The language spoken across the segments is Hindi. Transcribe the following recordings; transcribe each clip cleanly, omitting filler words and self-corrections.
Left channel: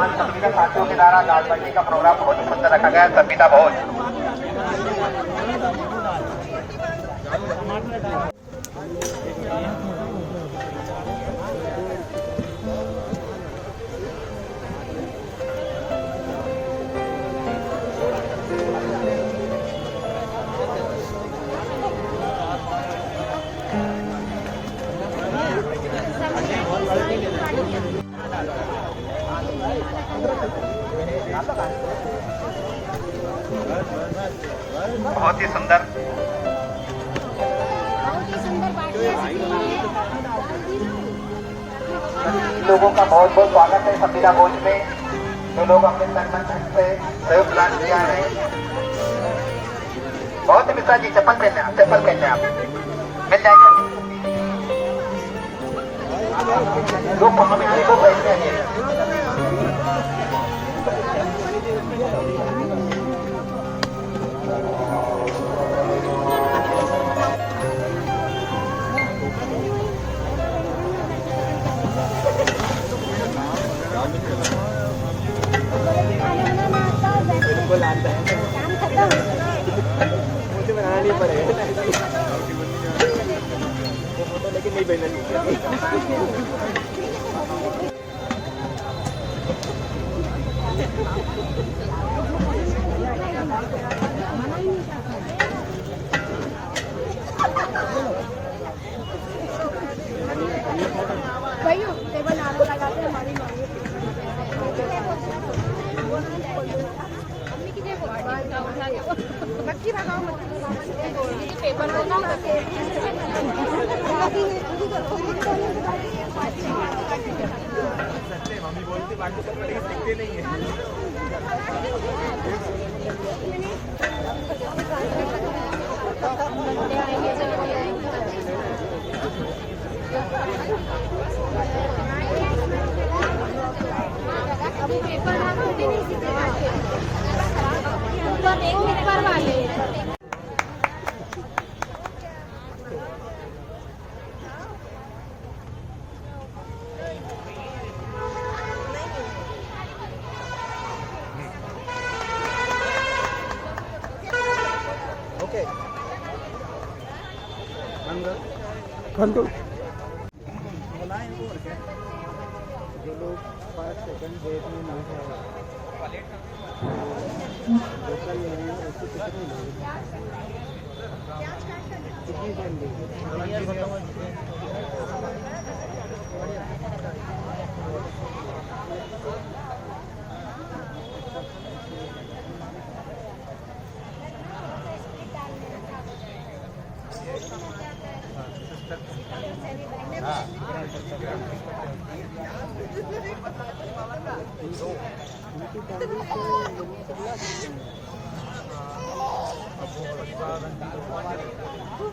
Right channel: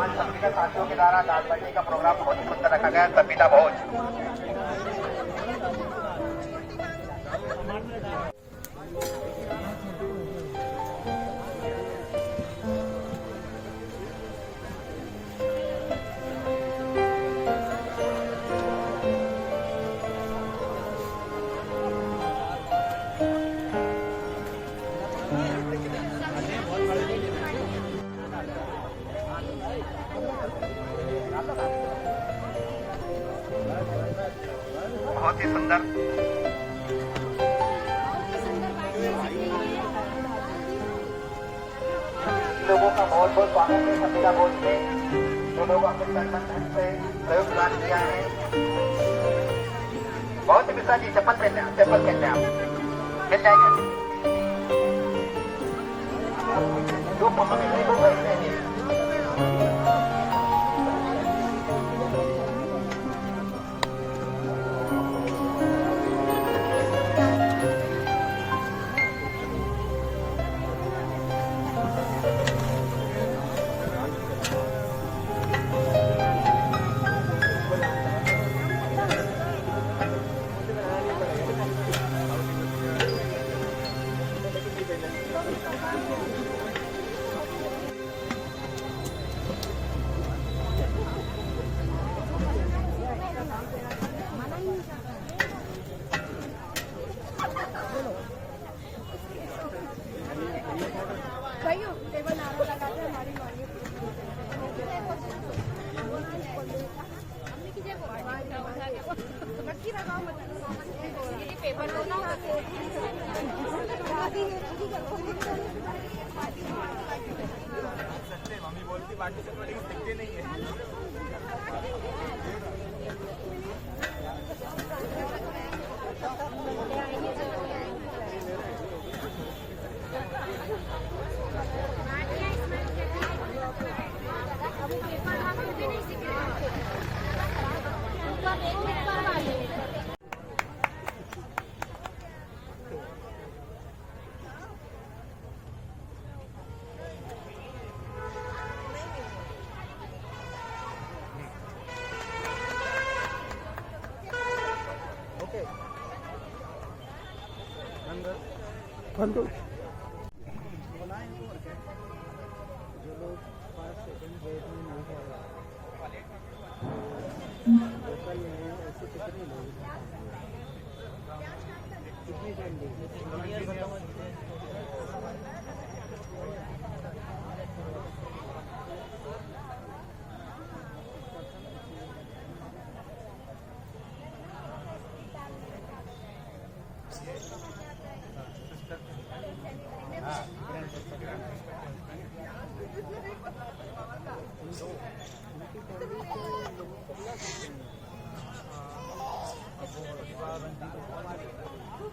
सभी के साथियों के द्वारा दाल बाटी का प्रोग्राम बहुत सुंदर रखा गया है। संविदा भोज बहुत ही सुंदर पार्टियां दिख रही हैं। लोगों का बहुत बहुत स्वागत है संविदा भोज में। जो लोग अपने तन मन धन से सहयोग प्रदान किया है। बहुत ही मिश्रा जी चप्पल पहनते हैं, चप्पल पहनते हैं आप, मिल जाएगा। जो पम्मा में आने को पहनते हैं। मुझे बनाना नहीं पड़ेगा लेकिन नहीं पहनना। टेबल आगे लगाते हैं हमारी बच्ची भगाओ मत पेपर मम्मी बोलती बाकी सब दिखते नहीं है। अभी पेपर ऊपर वाले ओके जो लोग फर्स्ट सेकंड डेट में नहीं है लोकल में ऐसे कितने लोग कितनी फैमिली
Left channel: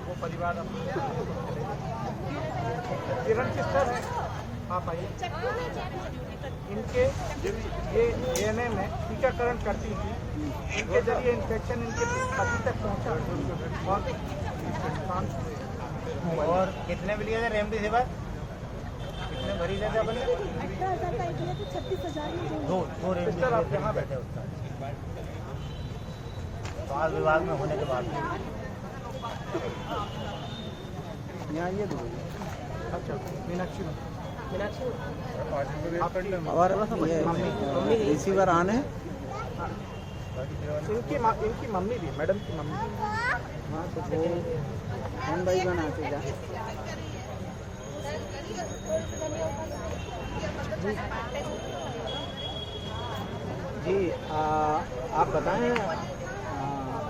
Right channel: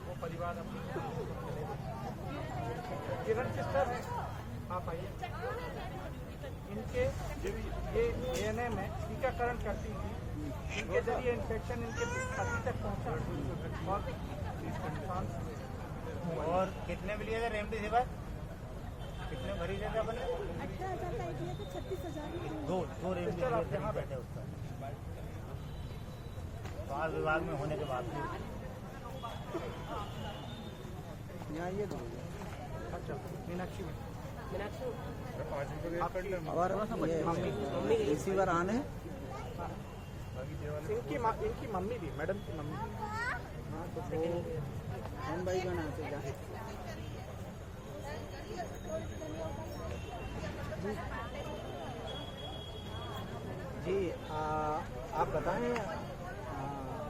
वो परिवार किरण सिस्टर है, आप आइए। इनके ये एएनएम में टीकाकरण करती थी। इनके जरिए इन्फेक्शन इनके पति तक पहुंचा और नुकसान हुए। और कितने में लिया था रेमडेसिविर? कितने मरीज है अपन? 18,000 का एक लिया तो 36,000 में दो सिस्टर आप यहाँ बैठे हो। स्वास्थ्य विभाग में होने के बाद यहाँ ये दो। अच्छा मीनाक्षी में और ये रिसीवर आने इनकी मम्मी भी, मैडम की मम्मी। हाँ तो वो 1/1 आते जा। जी आप बताएं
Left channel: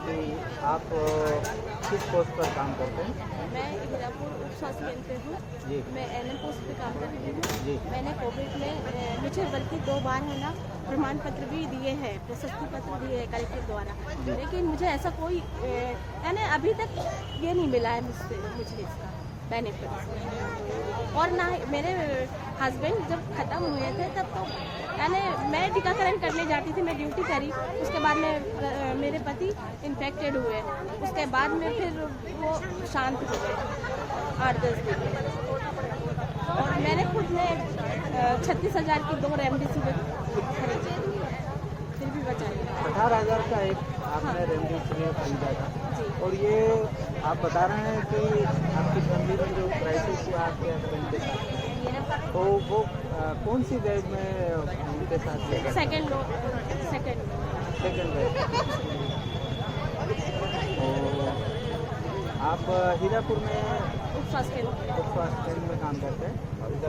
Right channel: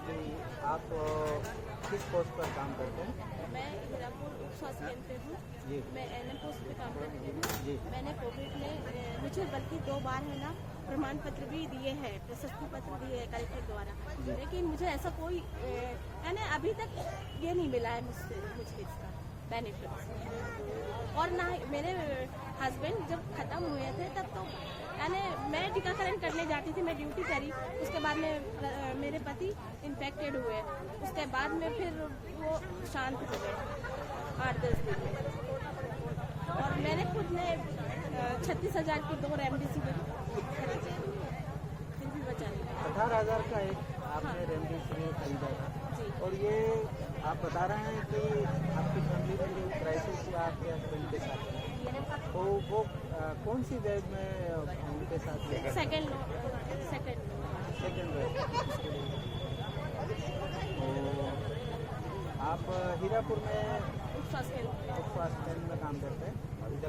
कि आप किस पोस्ट पर काम करते हैं? मैं हीरापुर उप स्वास्थ्य केंद्र पे हूँ। मैं एनएम पोस्ट पे काम कर रही हूँ। मैंने कोविड में मुझे बल्कि 2 बार है ना प्रमाण पत्र भी दिए हैं, प्रशस्ति पत्र दिए हैं कलेक्टर द्वारा, लेकिन मुझे ऐसा कोई यानी अभी तक ये नहीं मिला है मुझे इसका बेनिफिट। और ना मेरे हस्बैंड जब ख़त्म हुए थे तब तो यानी मैं टीकाकरण करने जाती थी, मैं ड्यूटी करी, उसके बाद में मेरे पति इन्फेक्टेड हुए, उसके बाद में फिर वो शांत हो गए 8-10 दिन में। तो और मैंने खुद ने 36,000 की 2 रेमडेसिविर खरीदी, फिर भी बचा नहीं पाया। 18,000 का एक आपने रेमडेसिविर खरीदा था जी। और ये आप बता रहे हैं कि आपकी फैमिली में जो क्राइसिस हुआ आपके हस्बैंड के साथ में, तो वो कौन सी वेव में उनके साथ हुआ? Second wave. तो आप हीरापुर में उपस्वास्थ्य केंद्र। उपस्वास्थ्य केंद्र में काम करते हैं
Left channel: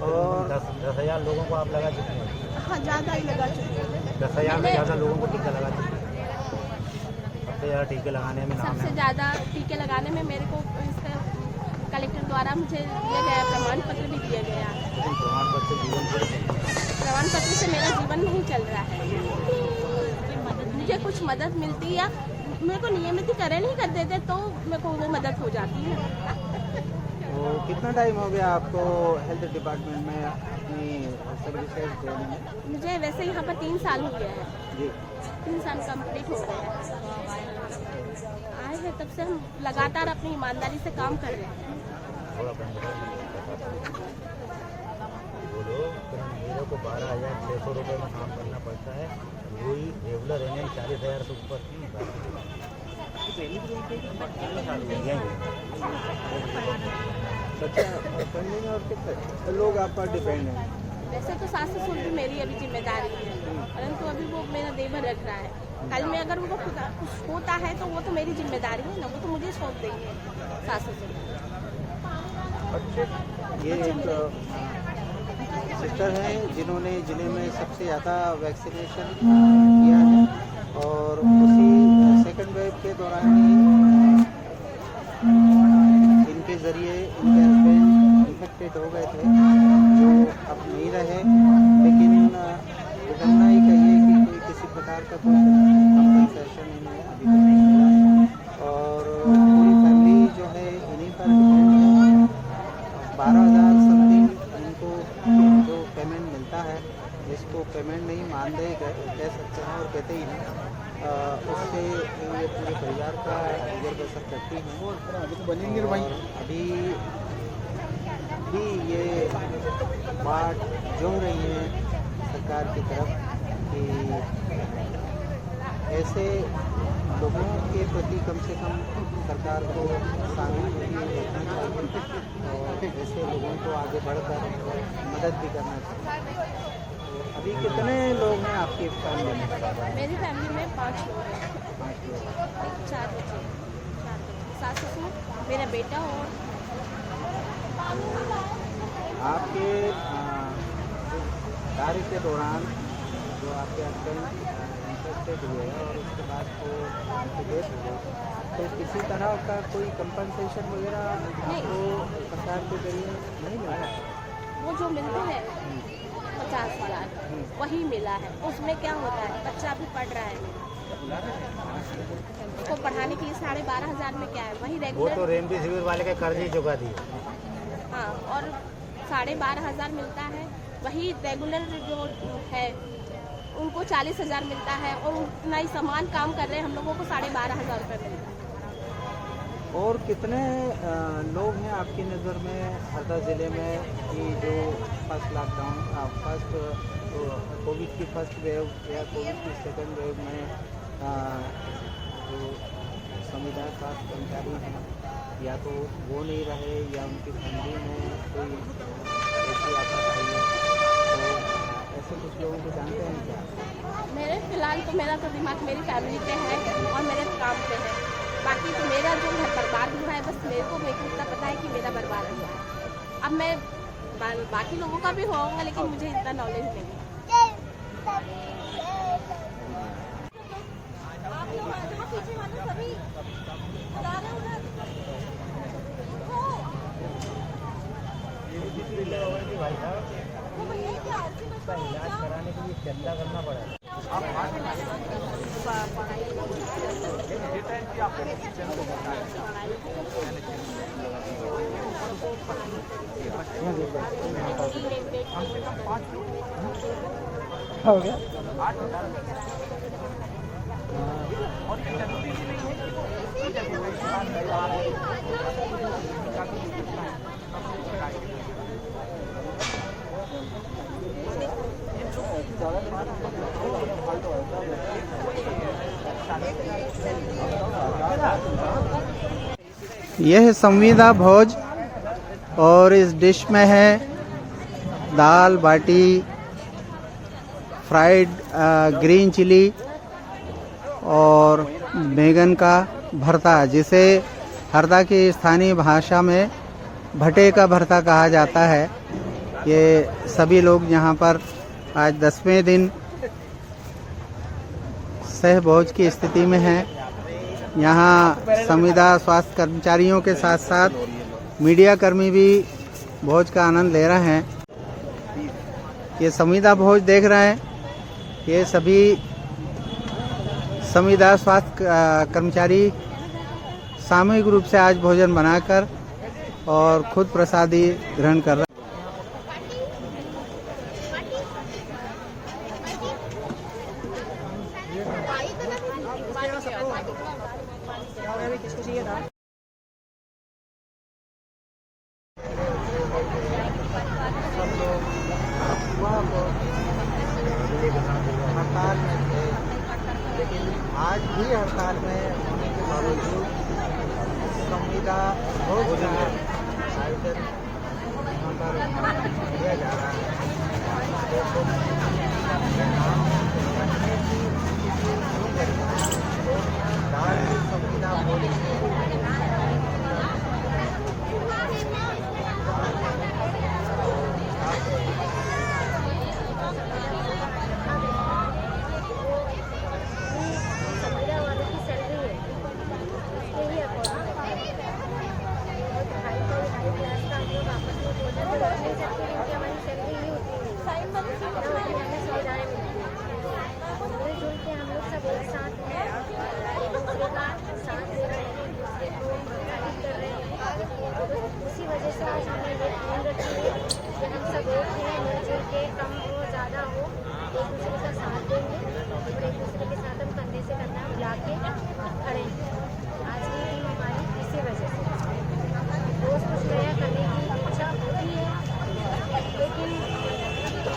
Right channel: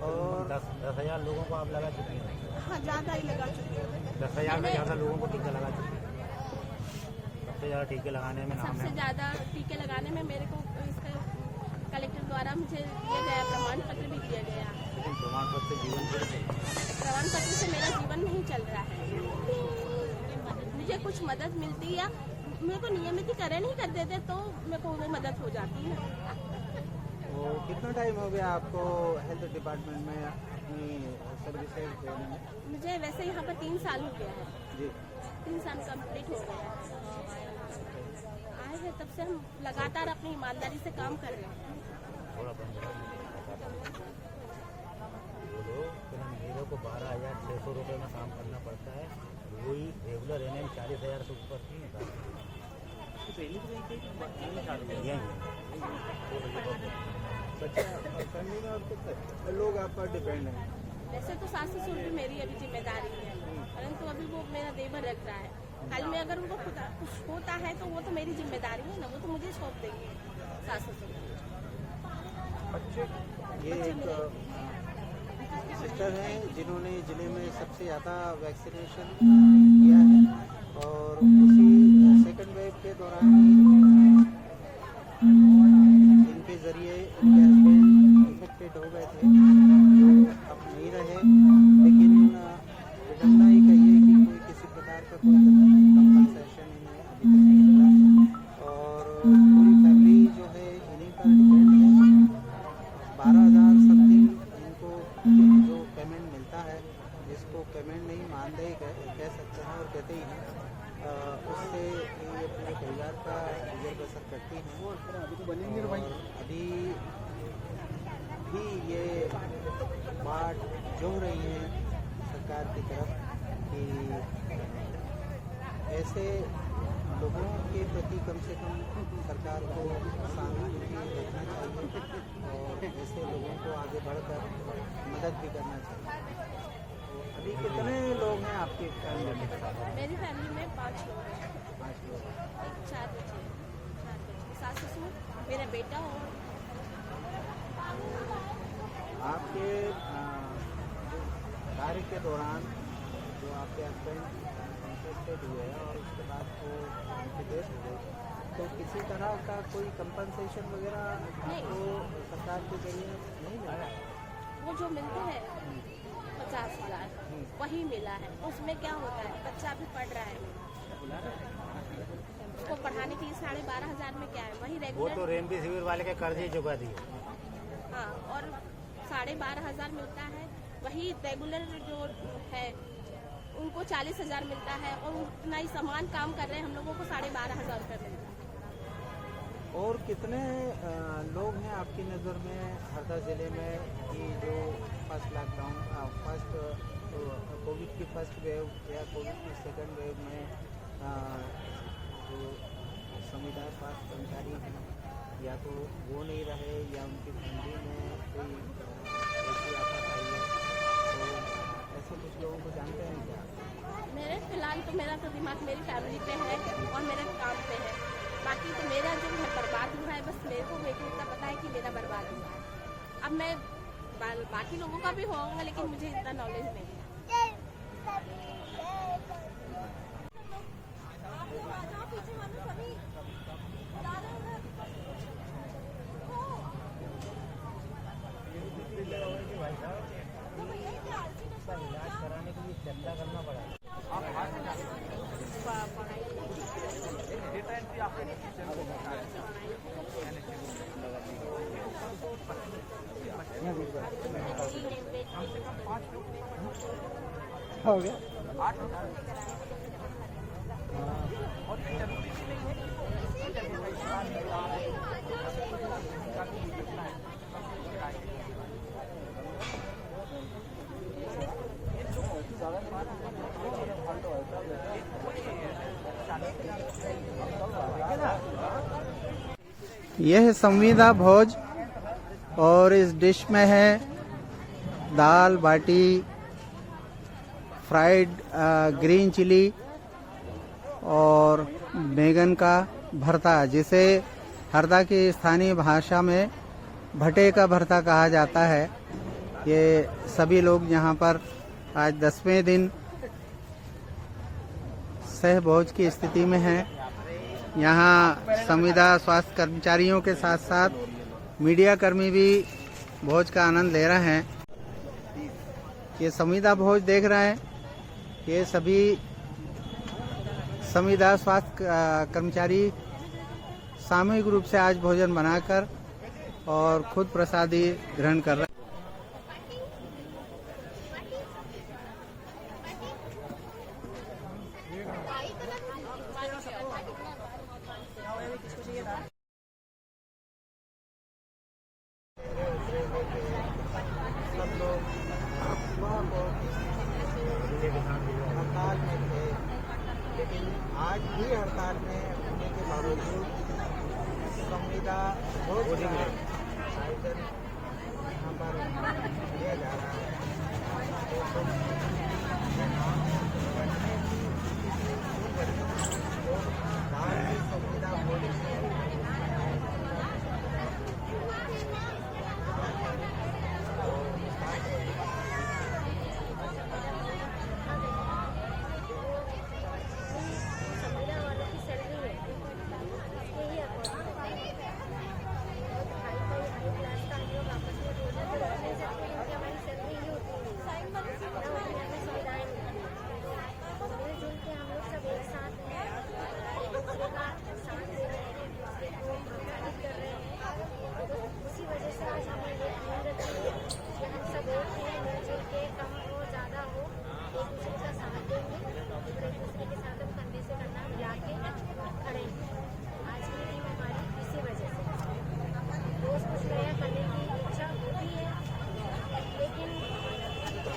और 10,000 लोगों को आप लगा चुके हैं। हाँ, ज़्यादा ही लगा चुकी हूँ। 10,000 से ज़्यादा लोगों को टीका लगा चुके हैं। सबसे ज़्यादा टीके लगाने में नाम सबसे है। ज़्यादा टीके लगाने में मेरे को इसका कलेक्टर द्वारा मुझे दिया गया प्रमाण पत्र भी दिया गया। लेकिन प्रमाण पत्र जीवन प्रमाण पत्र से मेरा जीवन नहीं चल रहा है। मुझे कुछ मदद मिलती या मेरे को नियमितीकरण ही कर देते तो मेरे को वो मदद हो जाती है ना। तो कितना टाइम हो गया आपको हेल्थ डिपार्टमेंट में अपनी सर्विसेज देने में? मुझे वैसे यहाँ पर 3 साल हो गया है। जी। 3 साल कंप्लीट हो गया है। आए हैं तब से हम लगातार अपनी ईमानदारी से काम कर रहे हैं। बोलो मेरे को 12,600 रुपये में काम करना पड़ता है। वही रेगुलर एनएम 40,000 से ऊपर की बच्चा फैमिली में और कितने लोग आप पर डिपेंड हैं? वैसे तो सास ससुर भी मेरी अभी जिम्मेदारी है, परंतु अभी वो मेरा देवर रख रहा है। कल में अगर उनको कुछ होता है तो वो तो मेरी जिम्मेदारी है ना, वो तो मुझे सौंप देंगे सास ससुर। ये एक सिस्टर हैं जिन्होंने ज़िले में सबसे ज़्यादा वैक्सीनेशन किया है और उसी सेकंड वेव के दौरान ही इनके ज़रिए इनके हस्बैंड इन्फेक्टेड हो गए थे, जो अब नहीं रहे। लेकिन विडम्बना ही कहिए कि कोई किसी प्रकार का कोई कंपनसेशन इन्हें अभी तक नहीं मिला और पूरी फैमिली जो है इन्हीं पर डिपेंड है। 12,000 समथिंग इनको जो पेमेंट मिलता है, इसको पेमेंट नहीं मानदेय कह सकते हैं और कहते ही हैं। उससे ये पूरे परिवार का गुजर बसर करती हैं और अभी भी ये बात जो रही है सरकार की तरफ कि ऐसे लोगों के प्रति कम से कम सरकार को सहानुभूति रखना चाहिए और ऐसे लोगों को आगे बढ़कर मदद भी करना चाहिए। तो अभी कितने लोग हैं आपकी फैमिली में? मेरी फैमिली में 5 लोग हैं। 5 लोग। एक 4 बच्चे, सास ससुर, मेरा बेटा और आपके कार्य के दौरान जो आपके हस्बैंड इंटरेस्टेड हुए और उसके बाद वो उनकी डेथ हो गई, तो किसी तरह का कोई कंपनसेशन वगैरह आपको सरकार के जरिए नहीं मिला? वो जो मिलते हैं 50,000 वही मिला है। उसमें क्या होता है, बच्चा भी पढ़ रहा है उसको पढ़ाने के लिए 12,500 में क्या है, वही वो तो रेगुलर। रेमडेसिविर वाले का कर्ज ही चुका दिए। हाँ, और 12,500 मिलता है। वही रेगुलर जो है उनको 40,000 मिलता है और उतना ही समान काम कर रहे हैं हम लोगों को 12,500 रुपये मिलता है। और कितने लोग हैं आपकी नज़र में हरदा ज़िले में कि जो फर्स्ट लॉकडाउन फर्स्ट कोविड की फर्स्ट वेव या कोविड की सेकंड वेव में जो संविदा स्वास्थ्य कर्मचारी हैं या तो वो नहीं रहे या उनकी फैमिली में कोई ऐसी आफत आई है, तो ऐसे कुछ लोगों को जानते हैं क्या? मेरे फिलहाल तो मेरा तो दिमाग मेरी फैमिली पे है और मेरे काम पे है। बाकी तो मेरा जो घर बर्बाद हुआ है, बस मेरे को इतना पता है कि मेरा बर्बाद हुआ है। अब मैं बाकी लोगों का भी होगा लेकिन मुझे इतना नॉलेज नहीं है। भाई साहब इसका इलाज कराने के लिए चंदा करना पड़ा है। हो गया। यह है संविदा भोज और इस डिश में है दाल बाटी, फ्राइड ग्रीन चिली और बैंगन का भरता, जिसे हरदा की स्थानीय भाषा में भटे का भरता कहा जाता है। ये सभी लोग यहाँ पर आज 10वें दिन सहभोज की स्थिति में हैं। यहाँ संविदा स्वास्थ्य कर्मचारियों के साथ साथ मीडिया कर्मी भी भोज का आनंद ले रहे हैं। ये संविदा भोज देख रहे हैं, ये सभी संविदा स्वास्थ्य कर्मचारी सामूहिक रूप से आज भोजन बनाकर और खुद प्रसादी ग्रहण कर रहे हैं। सब लोग हड़ताल में थे, लेकिन आज भी हड़ताल में होने के बावजूद संविदा भोज का आयोजन यहाँ पर किया जा रहा है। रखने की स्थिति शुरू करी तो दाल की संविदा भोज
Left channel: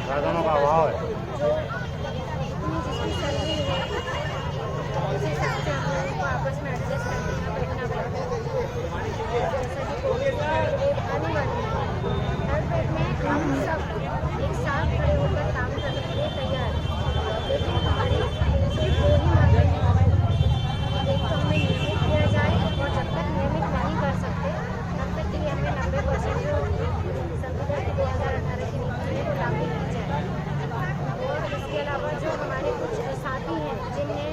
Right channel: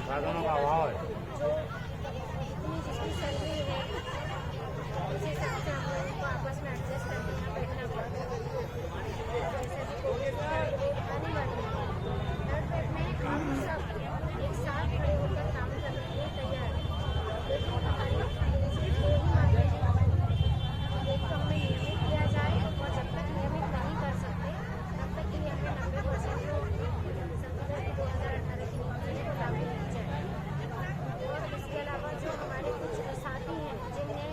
साधनों का अभाव है। आपस में एडजस्ट करके बैठना पड़ता है। हर पेट में हम सब एक साथ खड़े होकर काम करने के लिए तैयार हैं, लेकिन हमारी सिर्फ दो ही मांगे हैं। एक तो हमें नियमित किया जाए, और जब तक नियमित नहीं कर सकते तब तक कि हमें 90% जो संविदा की 2018 की नीति है वो लागू की जाए। और इसके अलावा जो हमारे कुछ साथी हैं जिनने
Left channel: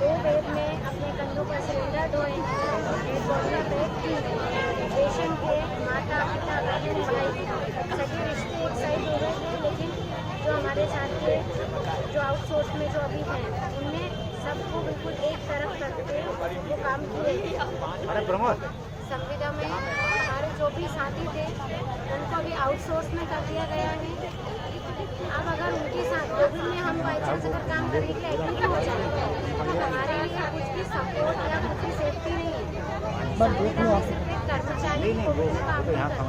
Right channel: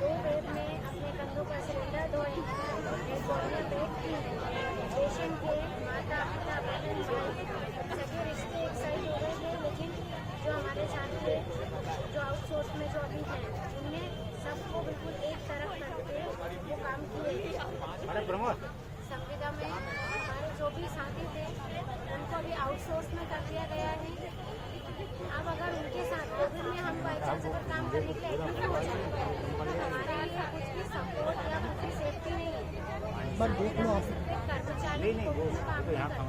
2 वेव में अपने कंधों पर सिलेंडर ढोए, कोरोना बैग की, पेशेंट के माता पिता बहन भाई सभी रिश्ते एक साइड हो गए थे, लेकिन जो हमारे साथी जो आउटसोर्स में जो अभी हैं उनने सबको बिल्कुल एक तरफ करके वो काम किए। संविदा में हमारे जो भी साथी थे उनको अभी आउटसोर्स में कर दिया गया है। अब अगर उनके साथ कोविड में हम बाई चांस अगर काम करने के लिए एडमिट हो जाए तो हमारे लिए कुछ भी सपोर्ट या कुछ भी सेफ्टी नहीं है। संविदा में सिर्फ एक कर्मचारी कोविड में काम नहीं करता,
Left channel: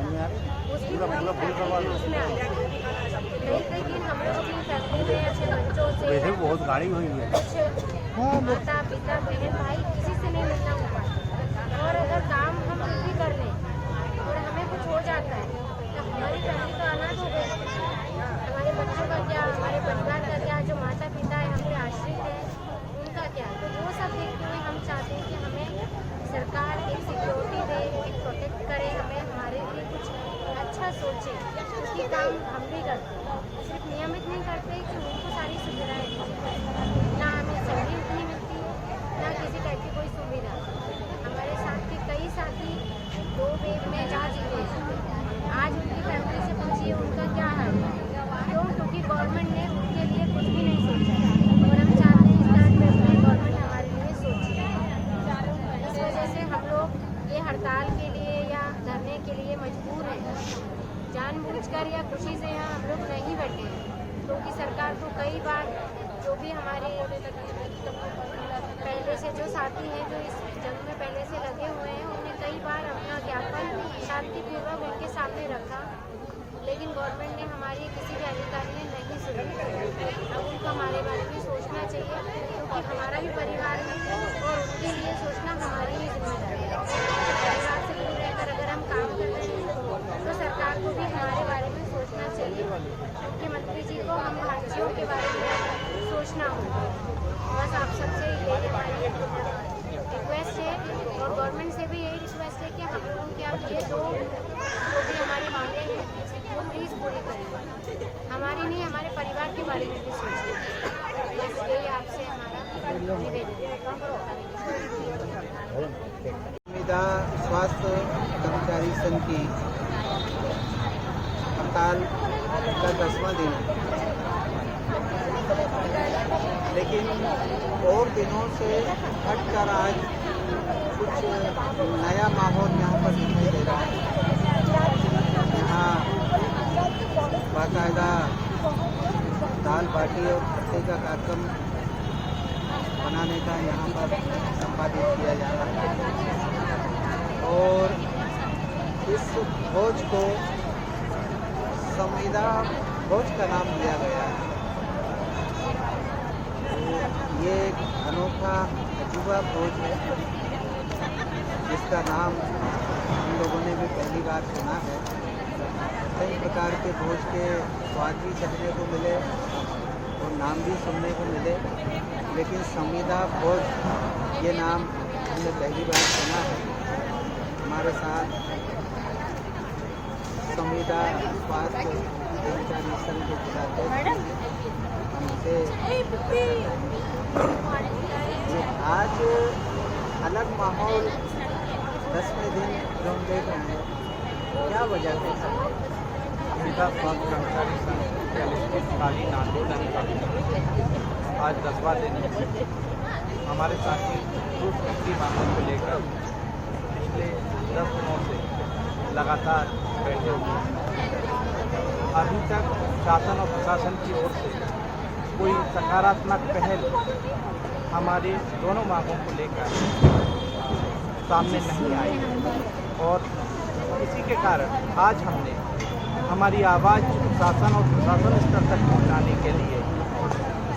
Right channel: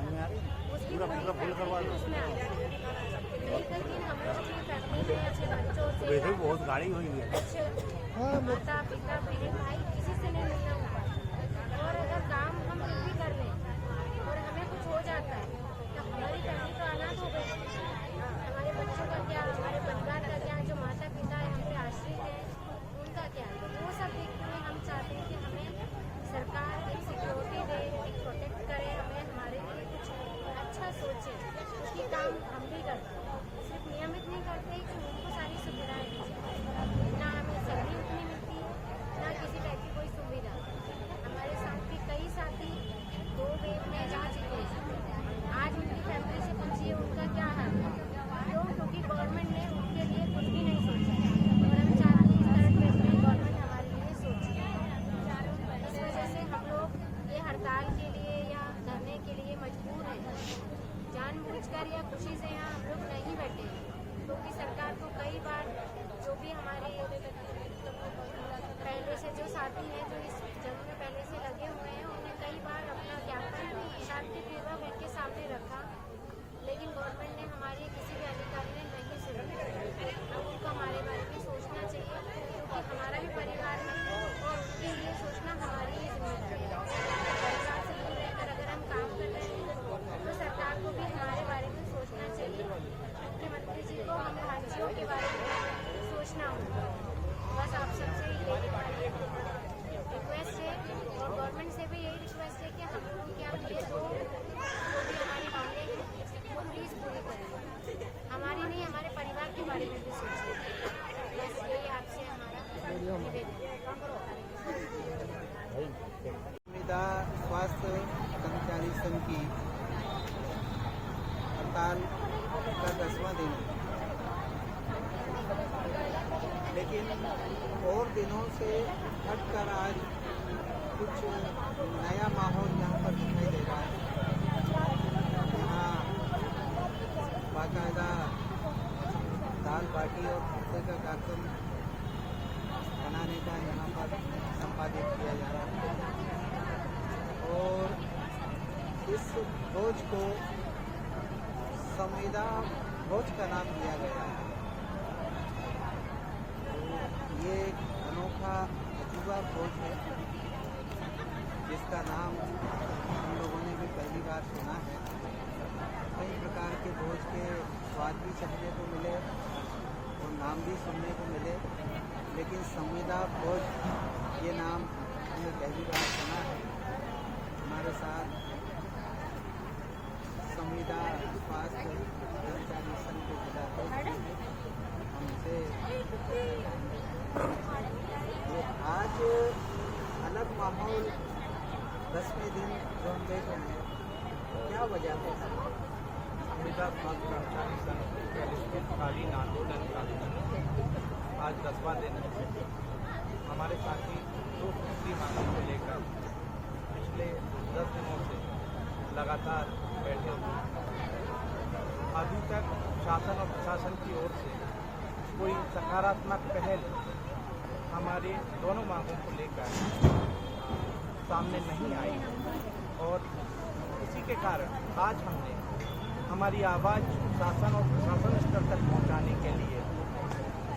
उसकी पूरी फैमिली उसमें आ जाती है। कई दिन हम लोग अपनी फैमिली में अपने बच्चों से बहुत गाड़ी हुई है, कुछ माता पिता बहन भाई किसी से नहीं मिलना हो पाता। और अगर काम हम भी कर लें और हमें कुछ हो जाता है तो हमारी फैमिली तो अनाथ हो गई। हमारे बच्चों का क्या, हमारे परिवार का क्या, जो माता पिता है हम पे आश्रित है उनका क्या। तो वो सब देखते हुए हम चाहते हैं कि हमें सरकार एक सिक्योरिटी दे, एक प्रोटेक्ट करे, हमें हमारे लिए कुछ अच्छा सोचे। उसकी काम हम भी करते हैं, सिर्फ नियमित नहीं करते कि उनको सारी सुविधाएं दी जाए। ना हमें सैलरी उतनी मिलती है, ना किसी टाइप की कोई सुविधा। हमारे साथ के कई साथी 2 वेव में जा चुके हैं, आज उनकी फैमिली से पूछिए उनका क्या हाल है। क्यों? क्योंकि गवर्नमेंट ने उनके लिए कुछ भी नहीं सोचा, और हम चाहते हैं थर्ड वेव में गवर्नमेंट हमारे लिए सोचे। इस वजह से हम लोग ये हड़ताल के लिए या धरने के लिए मजबूर हैं। जानबूझकर या खुशी से यहाँ हम लोग नहीं बैठे हैं, क्योंकि सरकार को कई बार जो भी हमारे पहले से जो साथी हैं जो इस जंग में पहले से लगे हुए हैं, उन्हें कई बार अपना ज्ञापन शांतिपूर्वक उनके सामने रखा, लेकिन गवर्नमेंट ने हमारी किसी भी अधिकारी ने नहीं सुनी। अब उनको हमारे बारे में सोचना चाहिए, क्योंकि हमारा भी परिवार है और उनके लिए सोचना हमारी ही जिम्मेदारी है। परिवार से कुछ ना हो। बस आप सबसे यही हमारी रिक्वेस्ट है और गवर्नमेंट से भी यही रिक्वेस्ट है कि हम लोगों के आप ये दो जो भी हमारी मांगे हैं वो प्लीज़ पूरी करें। हमारी नहीं, हमारे परिवार के बारे में भी सोचें। बस यही आपसे हमारा निवेदन है। संविदा स्वास्थ्य कर्मचारी संघ की हड़ताल का 10वां दिन है, लेकिन और दिनों से हटकर आज कुछ नया माहौल यहाँ पर दिखाई दे रहा है। यहाँ बाकायदा दाल बाटी और खट्टे का कार्यक्रम बनाने का यहाँ पर संपादित किया जा रहा है और इस भोज को संविदा भोज का नाम दिया गया है। तो ये एक अनोखा अजूबा भोज है जिसका नाम हम लोगों ने भी पहली बार सुना है। कई प्रकार के भोज के स्वाद भी चखने को मिले और नाम भी सुनने को मिले, लेकिन संविदा भोज ये नाम हमने पहली बार सुना है। हमारे साथ संविदा स्वास्थ्य कर्मचारी संघ के जिलाध्यक्ष हमसे आज अलग माहौल 10वें दिन जो हम देख रहे हैं, क्या वजह है? संविदा स्वास्थ्य कर्मचारी संघ के अनिश्चितकालीन आंदोलन का आज 10वां दिन है। हमारे साथी दूसरी मांगों को लेकर पिछले 10 दिनों से लगातार बैठे हुए हैं। अभी तक शासन और प्रशासन की ओर से कोई सकारात्मक पहल हमारी दोनों मांगों को लेकर सामने नहीं आई और इसी के कारण आज हमने हमारी आवाज़ शासन और प्रशासन स्तर तक पहुंचाने के लिए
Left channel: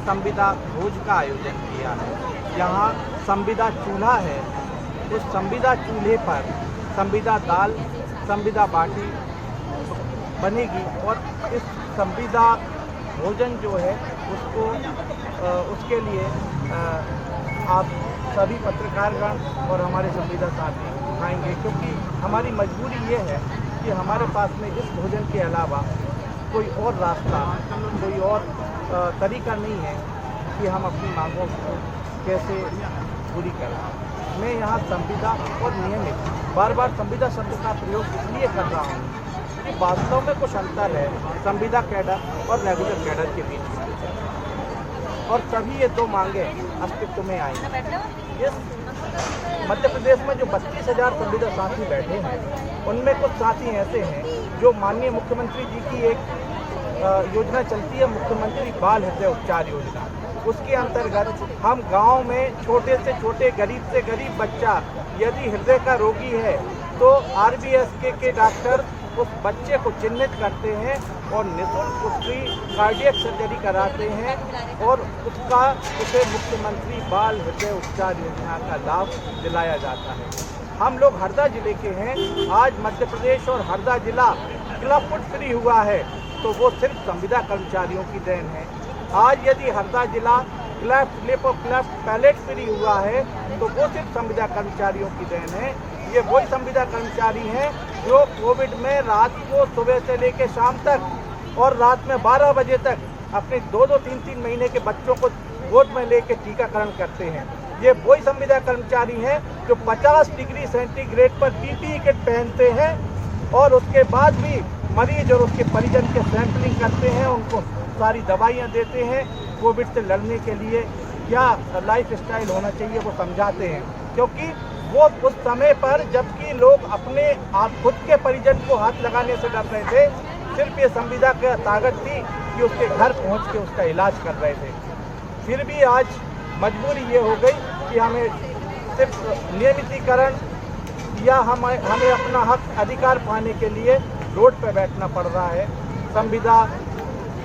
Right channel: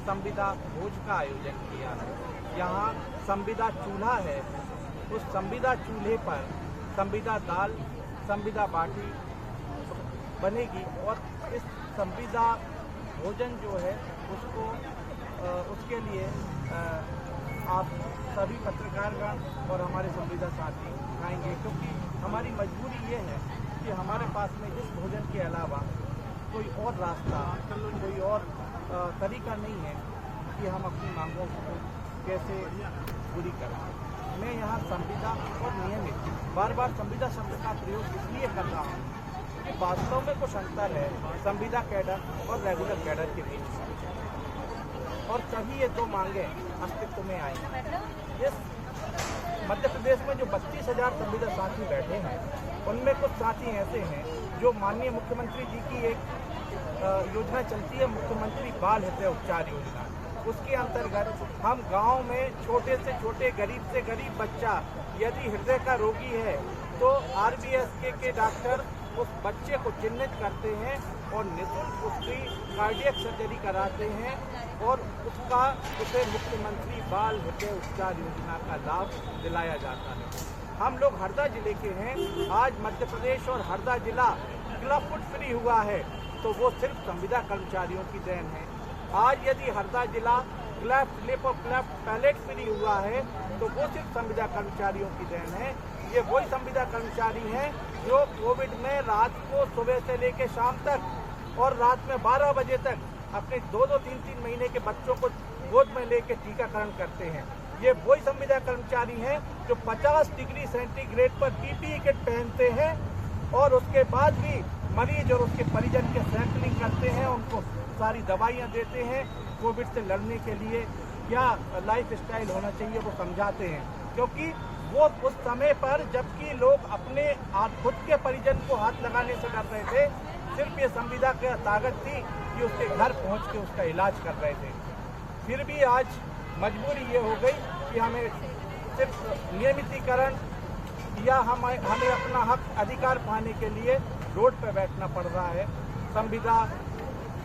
संविदा भोज का आयोजन किया है। यहाँ संविदा चूल्हा है, उस संविदा चूल्हे पर संविदा दाल, संविदा बाटी बनेगी और इस संविदा भोजन जो है उसको उसके लिए आप सभी पत्रकारगण और हमारे संविदा साथी खाएंगे, क्योंकि हमारी मजबूरी ये है कि हमारे पास में इस भोजन के अलावा कोई और रास्ता, कोई और तरीका नहीं है कि हम अपनी मांगों को कैसे पूरी करें। मैं यहाँ संविदा और नियमित बार बार संविदा शब्द का प्रयोग इसलिए कर रहा हूँ कि वास्तव में कुछ अंतर है संविदा कैडर और रेगुलर कैडर के बीच में, और तभी ये दो मांगे अस्तित्व में आई। इस मध्य प्रदेश में जो 32,000 संविदा साथी बैठे हैं, उनमें कुछ साथी ऐसे हैं जो माननीय मुख्यमंत्री जी की एक योजना चलती है, मुख्यमंत्री बाल हृदय उपचार योजना। उसके अंतर्गत हम गांव में छोटे से छोटे गरीब से गरीब बच्चा यदि हृदय का रोगी है तो RBSK के डॉक्टर उस बच्चे को चिन्हित करते हैं और निःशुल्क उसकी कार्डियक सर्जरी कराते हैं और उसे मुख्यमंत्री बाल हृदय उपचार योजना का लाभ दिलाया जाता है। हम लोग हरदा जिले के हैं। आज मध्य प्रदेश और हरदा जिला क्लब फुट फ्री हुआ है तो वो सिर्फ संविदा कर्मचारियों की देन है। आज यदि हरदा जिला क्लेफ्ट लिप और क्लेफ्ट पैलेट फ्री हुआ है तो वो सिर्फ संविदा कर्मचारियों की देन है। ये वही संविदा कर्मचारी हैं जो कोविड में रात को सुबह से लेकर शाम तक और रात में 12 बजे तक अपने 2-2, 3-3 महीने के बच्चों को गोद में लेकर टीकाकरण करते हैं। ये वही संविदा कर्मचारी हैं जो 50 डिग्री सेंटीग्रेड पर PPE किट पहनते हैं और उसके बाद भी मरीज और उसके परिजन के सैंपलिंग करते हैं, उनको सारी दवाइयाँ देते हैं। कोविड से लड़ने के लिए क्या लाइफ स्टाइल होना चाहिए वो समझाते हैं, क्योंकि वो उस समय पर जबकि लोग अपने आप खुद के परिजन को हाथ लगाने से डर रहे थे, सिर्फ ये संविदा की ताकत थी कि उसके घर पहुंच के उसका इलाज कर रहे थे। फिर भी आज मजबूरी ये हो गई कि हमें सिर्फ नियमितीकरण या हमें अपना हक अधिकार पाने के लिए रोड पर बैठना पड़ रहा है। संविदा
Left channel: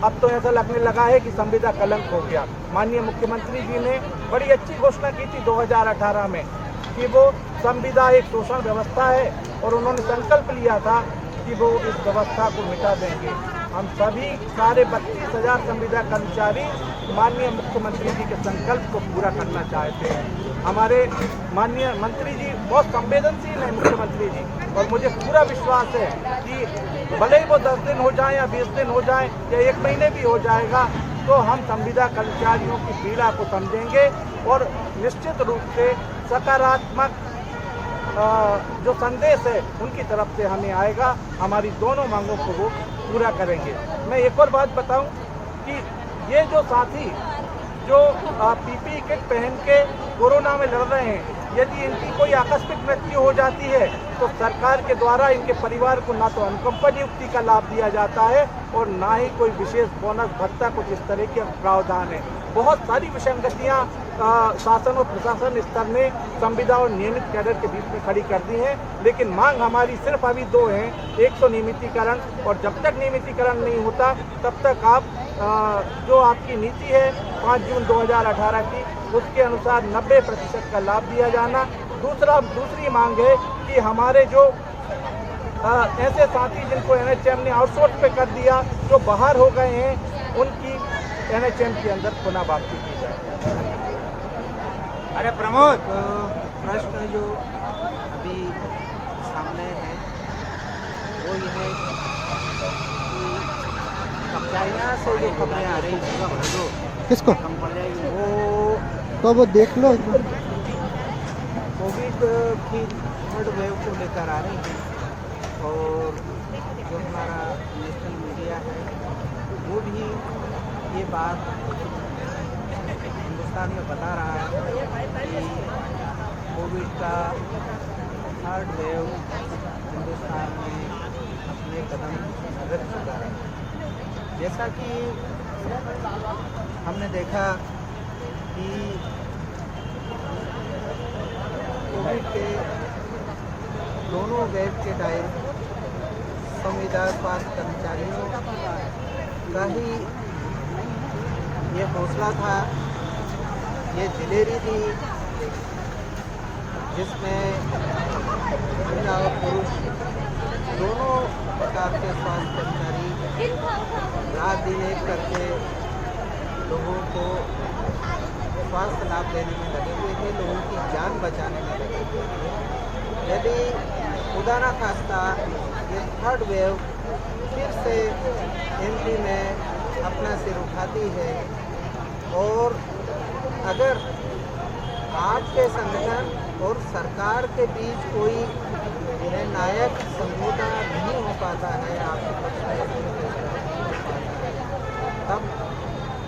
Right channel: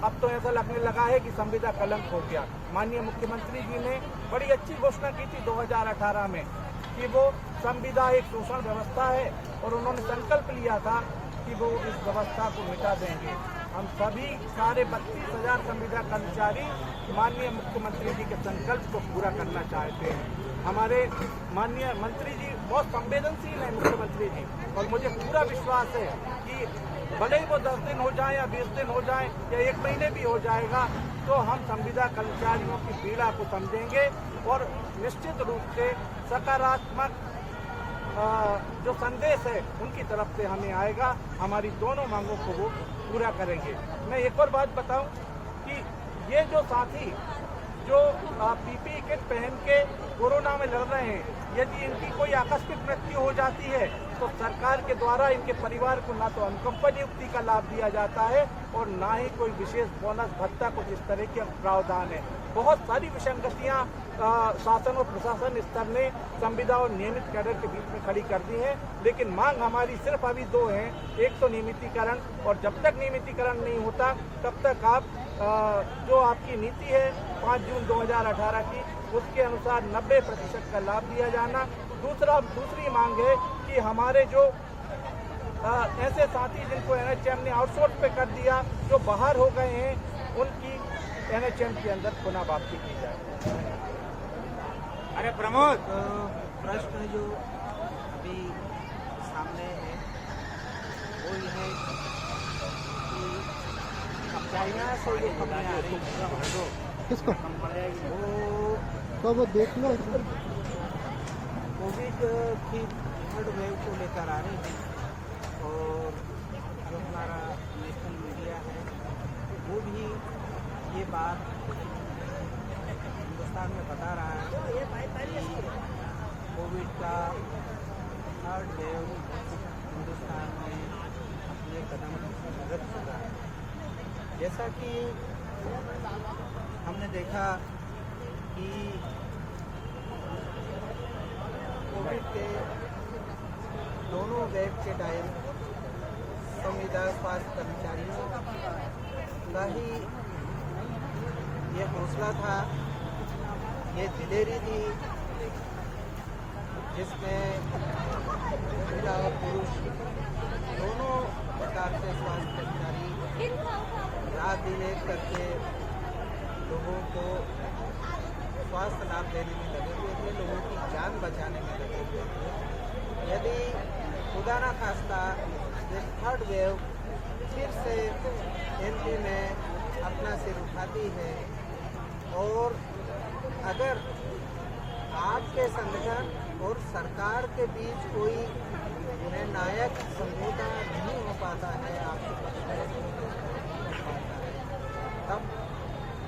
अब तो ऐसा लगने लगा है कि संविदा कलंक हो गया। माननीय मुख्यमंत्री जी ने बड़ी अच्छी घोषणा की थी 2018 में कि वो संविदा एक शोषण व्यवस्था है और उन्होंने संकल्प लिया था कि वो इस व्यवस्था को मिटा देंगे। हम सभी सारे 32,000 संविदा कर्मचारी माननीय मुख्यमंत्री जी के संकल्प को पूरा करना चाहते हैं। हमारे माननीय मंत्री जी बहुत संवेदनशील हैं, मुख्यमंत्री जी, और मुझे पूरा विश्वास है कि भले ही वो 10 दिन हो जाए या 20 दिन हो जाए या 1 महीने भी हो जाएगा, तो हम संविदा कर्मचारियों की पीड़ा को समझेंगे और निश्चित रूप से सकारात्मक जो संदेश है उनकी तरफ से हमें आएगा। हमारी दोनों मांगों को वो पूरा करेंगे। मैं एक और बात बताऊं कि ये जो साथी जो पीपीई किट पहन के कोरोना में लड़ रहे हैं, यदि इनकी कोई आकस्मिक मृत्यु हो जाती है तो सरकार के द्वारा इनके परिवार को ना तो अनुकंपा नियुक्ति का लाभ दिया जाता है और ना ही कोई विशेष बोनस भत्ता, कुछ इस तरह के प्रावधान है। बहुत सारी विसंगतियां शासन और प्रशासन स्तर ने संविदा और नियमित कैडर के बीच में खड़ी कर दी हैं, लेकिन मांग हमारी सिर्फ अभी 2 हैं। एक तो नियमितीकरण, और जब तक नियमितीकरण नहीं होता तब तक आप जो आपकी नीति है 5 जून 2018 की, उसके अनुसार 90% का लाभ दिया जाना। दूसरी मांग है कि हमारे जो ऐसे साथी जिनको एनएचएम ने आउटसोर्स पे कर दिया, जो बाहर हो गए हैं, उनकी एनएचएम के अंदर पुनः वापसी की जाए। अरे प्रमोद, प्रश्न जो अभी सामने है वो ये है कि चाइना से जो खबरें आ रही हैं, किसको वो देख लो। कोविड की 3rd वेव को लेकर आ रही हैं, और जो हमारा नेशनल मीडिया है वो भी ये बात हिंदुस्तान में बता रहा है कि कोविड का 3rd वेव हिंदुस्तान में अपने कदम रख चुका है। जैसा कि हमने देखा कि कोविड के दोनों वेव के टाइम संविदा स्वास्थ्य कर्मचारियों का ही ये हौसला था, ये दिलेरी थी, जिसमें महिला और पुरुष दोनों प्रकार के स्वास्थ्य कर्मचारी रात दिन एक करके लोगों को स्वास्थ्य लाभ देने में लगे हुए थे, लोगों की जान बचाने में लगे हुए थे। यदि खुदा ना खास्ता ये 3rd वेव फिर से एमपी में अपना सिर उठाती है और अगर आपके संगठन और सरकार के बीच कोई निर्णायक समझौता नहीं हो पाता है, आपके पक्ष में कोई फैसला नहीं हो पाता है, तब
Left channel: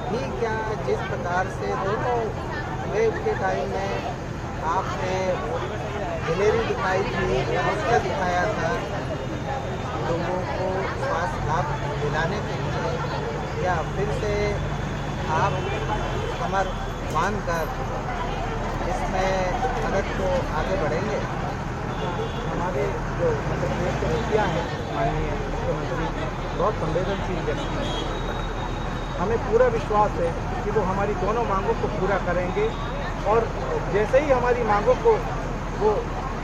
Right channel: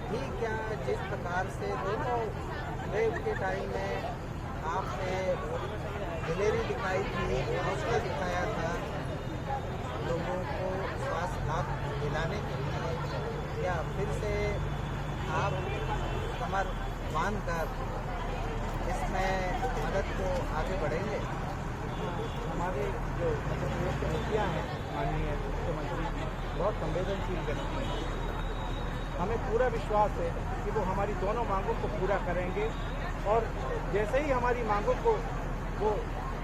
भी क्या जिस प्रकार से दोनों वेव के टाइम में आपने दिलेरी दिखाई थी, हौसला दिखाया था लोगों को स्वास्थ्य लाभ दिलाने के लिए, क्या फिर से आप कमर बांध कर इसमें मदद को आगे बढ़ेंगे? हमारे जो मध्य प्रदेश के मुखिया हैं, माननीय मुख्यमंत्री जी, बहुत संवेदनशील व्यक्ति हैं। हमें पूरा विश्वास है कि वो हमारी दोनों मांगों को पूरा करेंगे, और जैसे ही हमारी मांगों को वो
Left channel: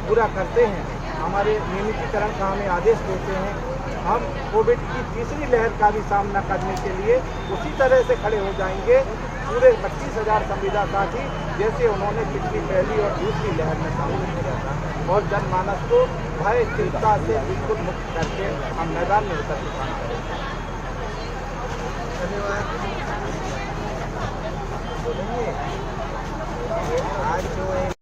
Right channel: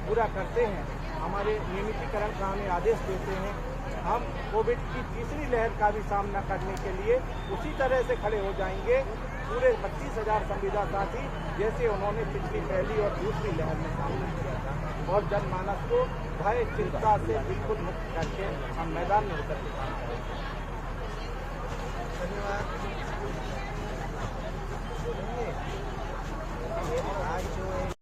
पूरा करते हैं, हमारे नियमितीकरण का हमें आदेश देते हैं, हम कोविड की 3री लहर का भी सामना करने के लिए उसी तरह से खड़े हो जाएंगे, पूरे 32,000 संविदा साथी, जैसे उन्होंने पिछली 1ली और 2री लहर में सामना किया था, और जनमानस को भय चिंता से बिल्कुल मुक्त करके हम मैदान में उतर के काम करेंगे। धन्यवाद। बोलेंगे आज जो एक